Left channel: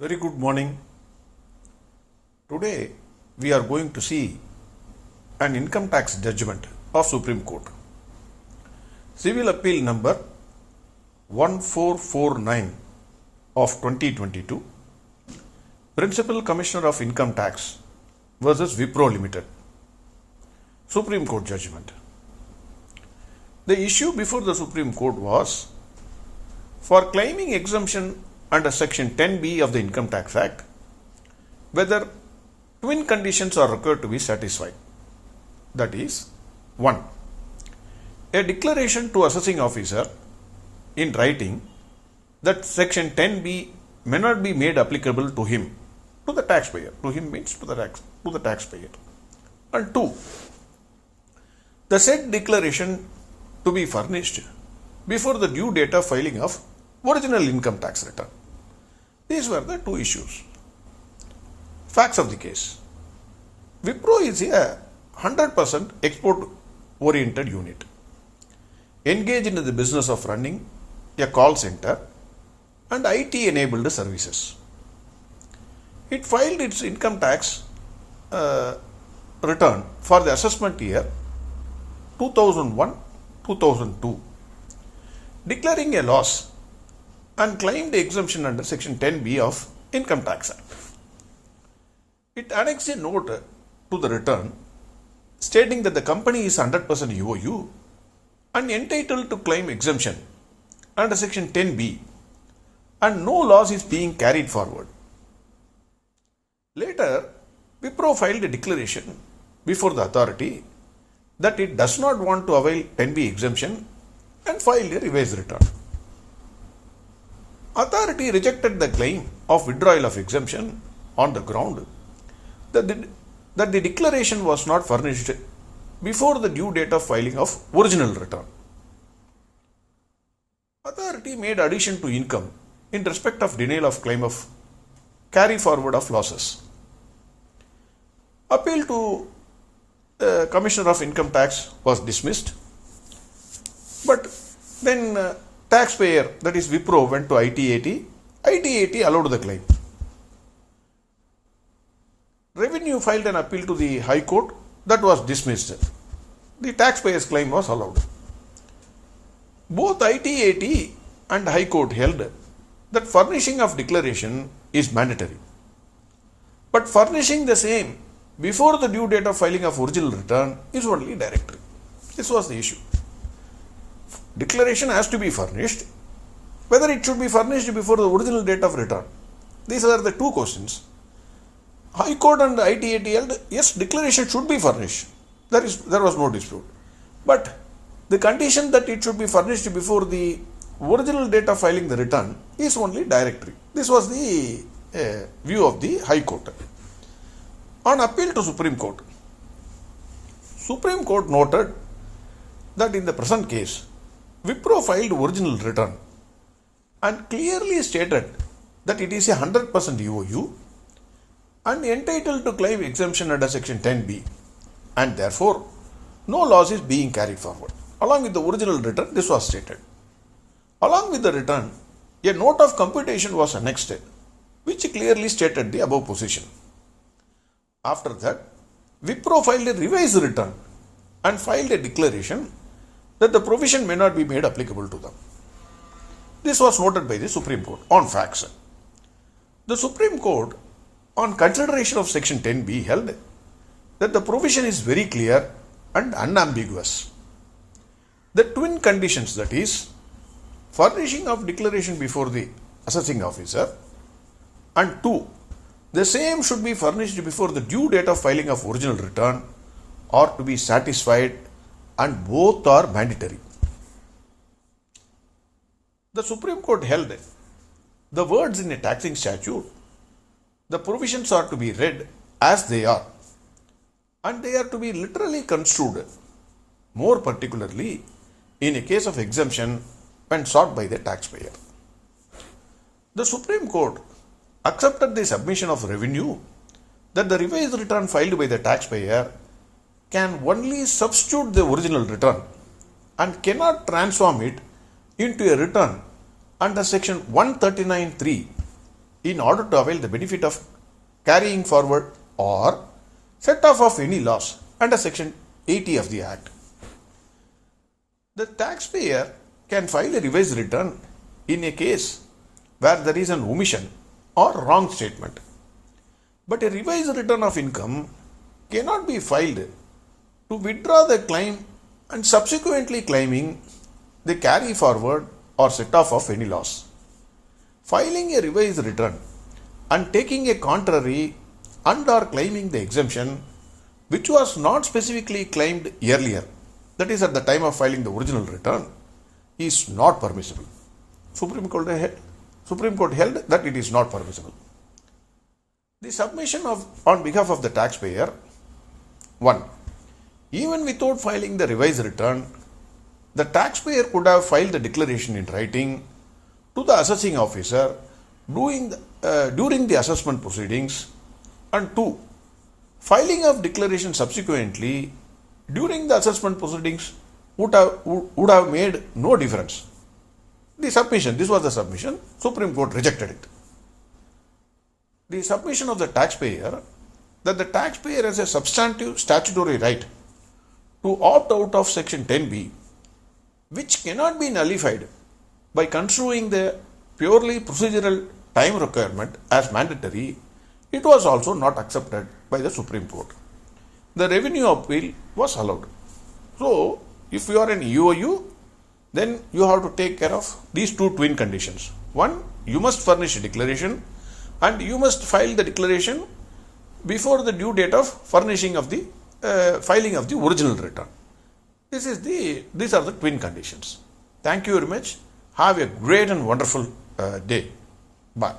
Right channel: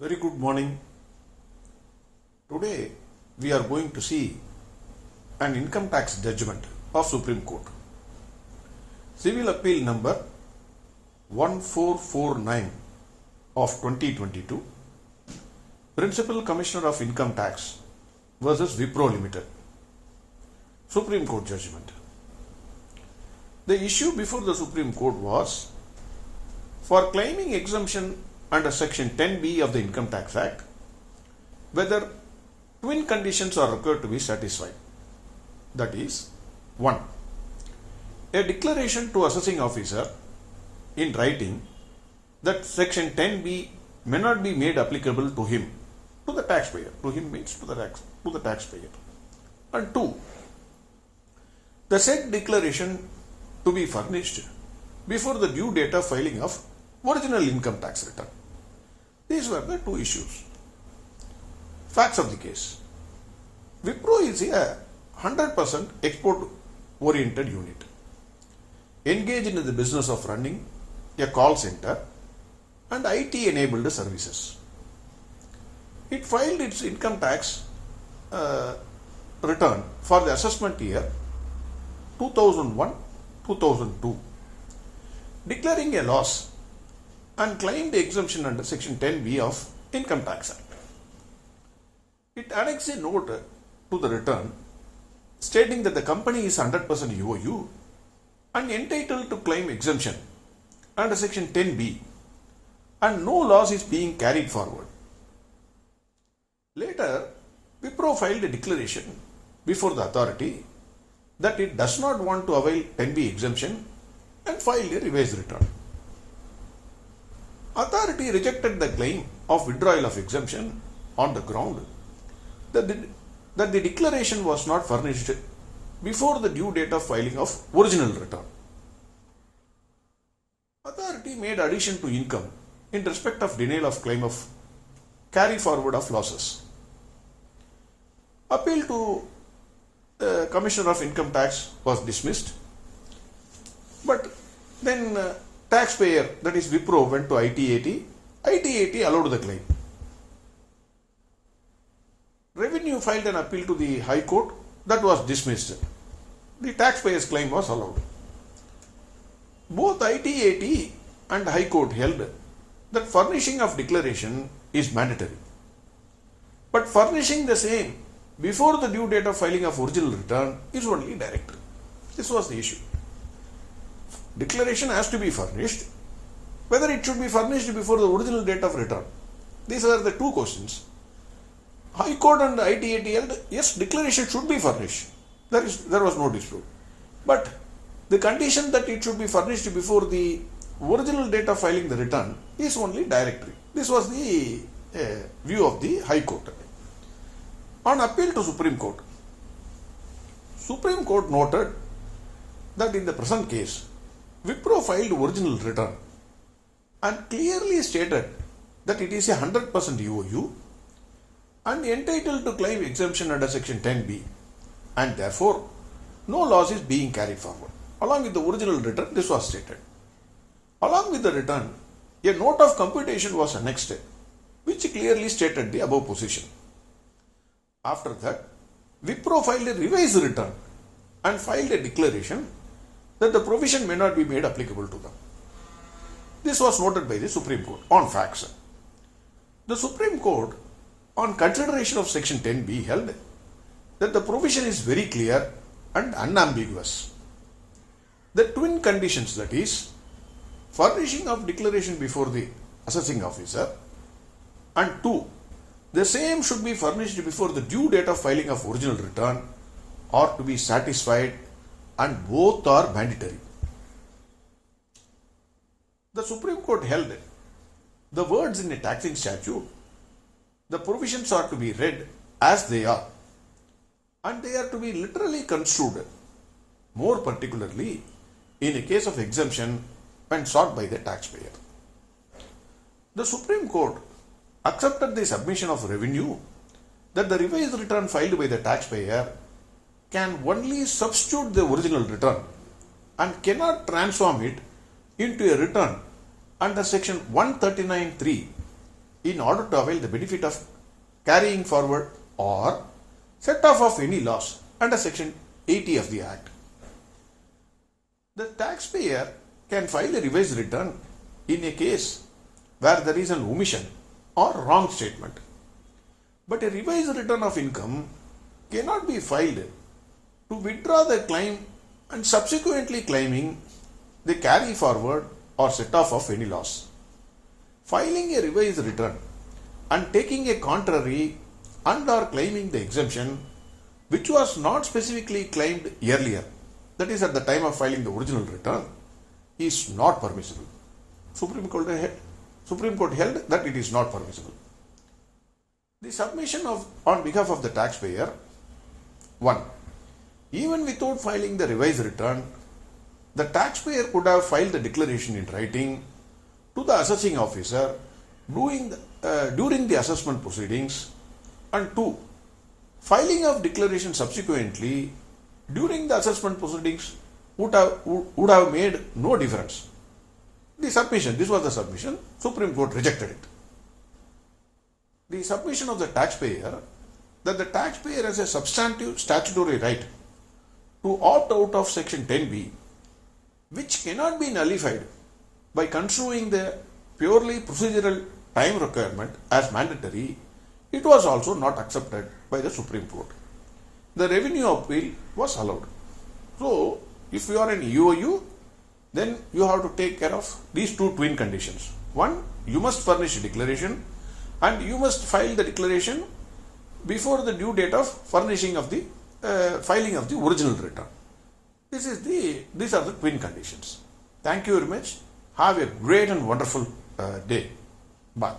Very good morning. Today we are going to see an income tax judgment of Supreme Court. Civil Appeal number 1449 of 2022, Principal Commissioner of Income Tax versus Wipro Limited. Supreme Court judgment. The issue before the Supreme Court was for claiming exemption under Section 10B of the Income Tax Act, whether twin conditions are required to be satisfied. That is, 1. A declaration to assessing officer in writing that Section 10B may not be made applicable to him, to the taxpayer. To him means to the taxpayer. And 2. The said declaration to be furnished before the due date of filing of original income tax return. These were the two issues. Facts of the case. Wipro is a 100% export-oriented unit, engaged in the business of running a call center and IT-enabled services. It filed its income tax return for the assessment year 2001-2002, declaring a loss and claimed exemption under Section 10B of Income Tax Act. It annexed a note to the return stating that the company is 100% EOU and entitled to claim exemption under Section 10B and no loss is being carried forward. Later, Wipro filed a declaration before the authority that it does not want to avail 10B exemption and filed a revised return. Authority rejected the claim of withdrawal of exemption on the ground that the declaration was not furnished before the due date of filing of original return. Authority made addition to income in respect of denial of claim of carry forward of losses. Appeal to the Commissioner of Income Tax was dismissed, but then taxpayer, that is Wipro, went to ITAT. ITAT allowed the claim. Revenue filed an appeal to the High Court. That was dismissed. The taxpayer's claim was allowed. Both ITAT and High Court held that furnishing of declaration is mandatory, but furnishing the same before the due date of filing of original return is only directory. This was the issue. Declaration has to be furnished. Whether it should be furnished before the original date of return. These are the two questions. High Court and ITAT held, yes, declaration should be furnished. There was no dispute. But the condition that it should be furnished before the original date of filing the return is only directory. This was the view of the High Court. On appeal to Supreme Court, Supreme Court noted that in the present case, Wipro filed original return and clearly stated that it is a 100% EOU and entitled to claim exemption under Section 10B, and therefore no loss is being carried forward. Along with the original return, this was stated. Along with the return, a note of computation was annexed, which clearly stated the above position. After that, Wipro filed a revised return and filed a declaration that the provision may not be made applicable to them. This was noted by the Supreme Court on facts. The Supreme Court, on consideration of Section 10B, held that the provision is very clear and unambiguous. The twin conditions, that is, furnishing of declaration before the assessing officer, and 2, the same should be furnished before the due date of filing of original return, are to be satisfied, and both are mandatory. The Supreme Court held the words in a taxing statute, the provisions are to be read as they are, and they are to be literally construed, more particularly in a case of exemption when sought by the taxpayer. The Supreme Court accepted the submission of revenue that the revised return filed by the taxpayer can only substitute the original return and cannot transform it into a return under Section 139(3) in order to avail the benefit of carrying forward or set off of any loss under Section 80 of the Act. The taxpayer can file a revised return in a case where there is an omission or wrong statement. But a revised return of income cannot be filed to withdraw the claim and subsequently claiming the carry forward or set off of any loss. Filing a revised return and taking a contrary and or claiming the exemption which was not specifically claimed earlier, that is at the time of filing the original return, is not permissible. Supreme Court held that it is not permissible. The submission on behalf of the taxpayer. 1. Even without filing the revised return, the taxpayer could have filed the declaration in writing to the assessing officer during the assessment proceedings. And 2. Filing of declaration subsequently during the assessment proceedings would have made no difference. This was the submission, Supreme Court rejected it. The submission of the taxpayer that the taxpayer has a substantive statutory right to opt out of Section 10B, which cannot be nullified by construing the purely procedural time requirement as mandatory, it was also not accepted by the Supreme Court. The revenue appeal was allowed. So, if you are an EOU, then you have to take care of these two twin conditions. One, you must furnish a declaration and you must file the declaration before the due date of furnishing of the filing of the original return. These are the twin conditions. Thank you very much. Have a great and wonderful day. Bye.